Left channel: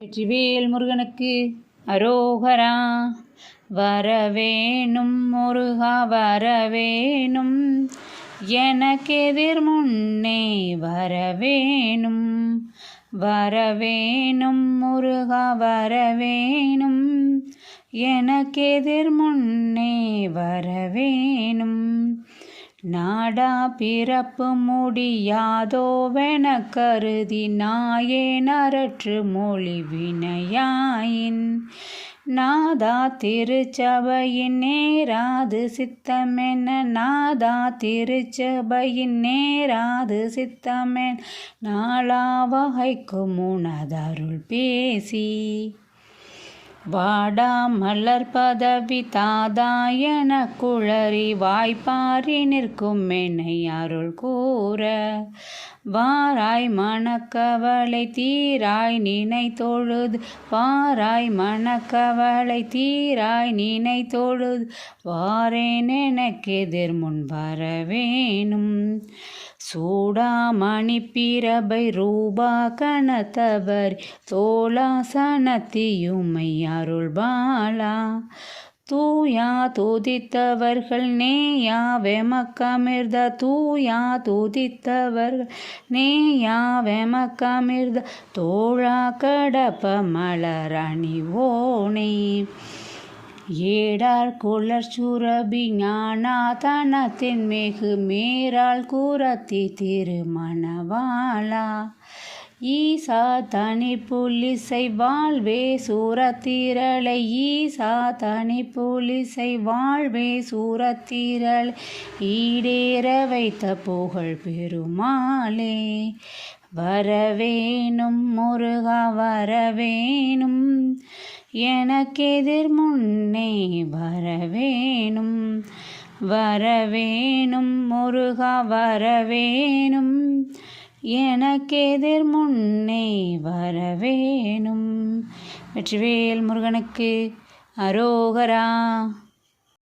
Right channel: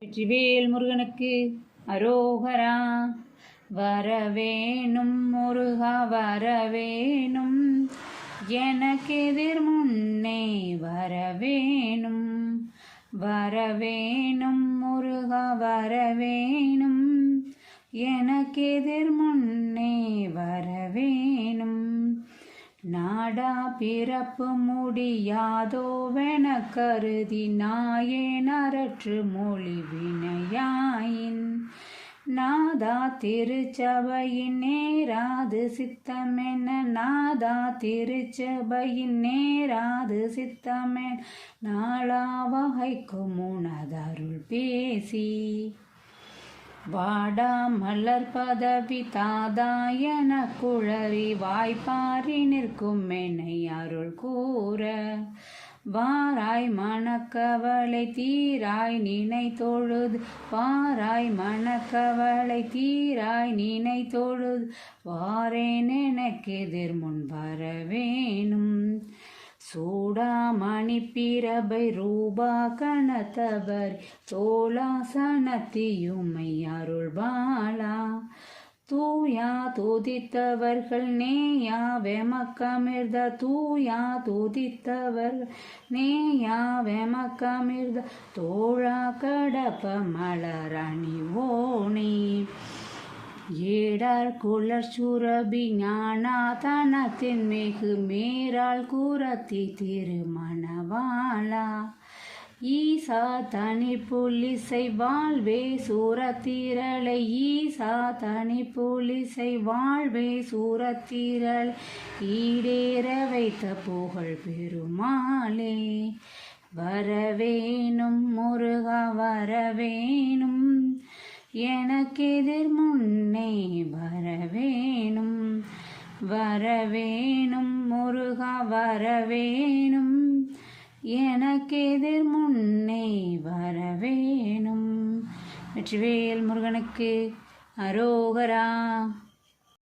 வெற்றிவேல் முருகனுக்கு அரோகரா. வரவேணும் முருகா வரவேணும், எனக்கெதிர் முன்னே வரவேணும். வரவேணும் முருகா வரவேணும், எனக்கெதிர் முன்னே வரவேணும். நாடா பிறப்பு முடியாதோவென கருதி நாயேன் அரற்று மொழி வினையாயின், நாதா திருச்சபையின் நேராது சித்தமென, நாதா திருச்சபையின் நேராது சித்தமென், நாளா வகைக்கும் உனதருள் பேசி. வாடா மலர் பதவி தாதாயன குளறி வாய்ப்பாரி நிற்கும் என்னை அருள் கூற, வாராய் மனக்கவலை தீராய் நினை தொழுது, வாராய் மனக்கவலை தீராய் நினை தொழுது, வாரேன் எனக்கெதிர் முன் வரவேணும். சூடாமணி பிரபை ரூபா கனத்தவர் தோளாசனத்தியுமை அருள் பாலா, தூயா துதித்தவர்கள் நேயா வெமக்கமிர்த, தூயா துதித்தவர்கள் நேயா வெமக்கமிர்த, தோழா கடப்ப மலரணிவோனே. ஏடார் குளர் சுரபி ஞானாதனத்தின் மேகு மேரால் கூரத்தி திருமணவாளா, ஈசா தனி புலிசை வாழ்வே சூரத்திரளை, ஈசா தனி புலிசை வாழ்வே சூரத்திரளை, ஈடேற வைத்த புகழ் பெருமாளே. வரவேணும் முருகா வரவேணும், எனக்கெதிர் முன்னே வரவேணும். வரவேணும் முருகா வரவேணும், எனக்கெதிர் முன்னே வரவேணும். வெற்றிவேல் முருகனுக்கு அரோகரா.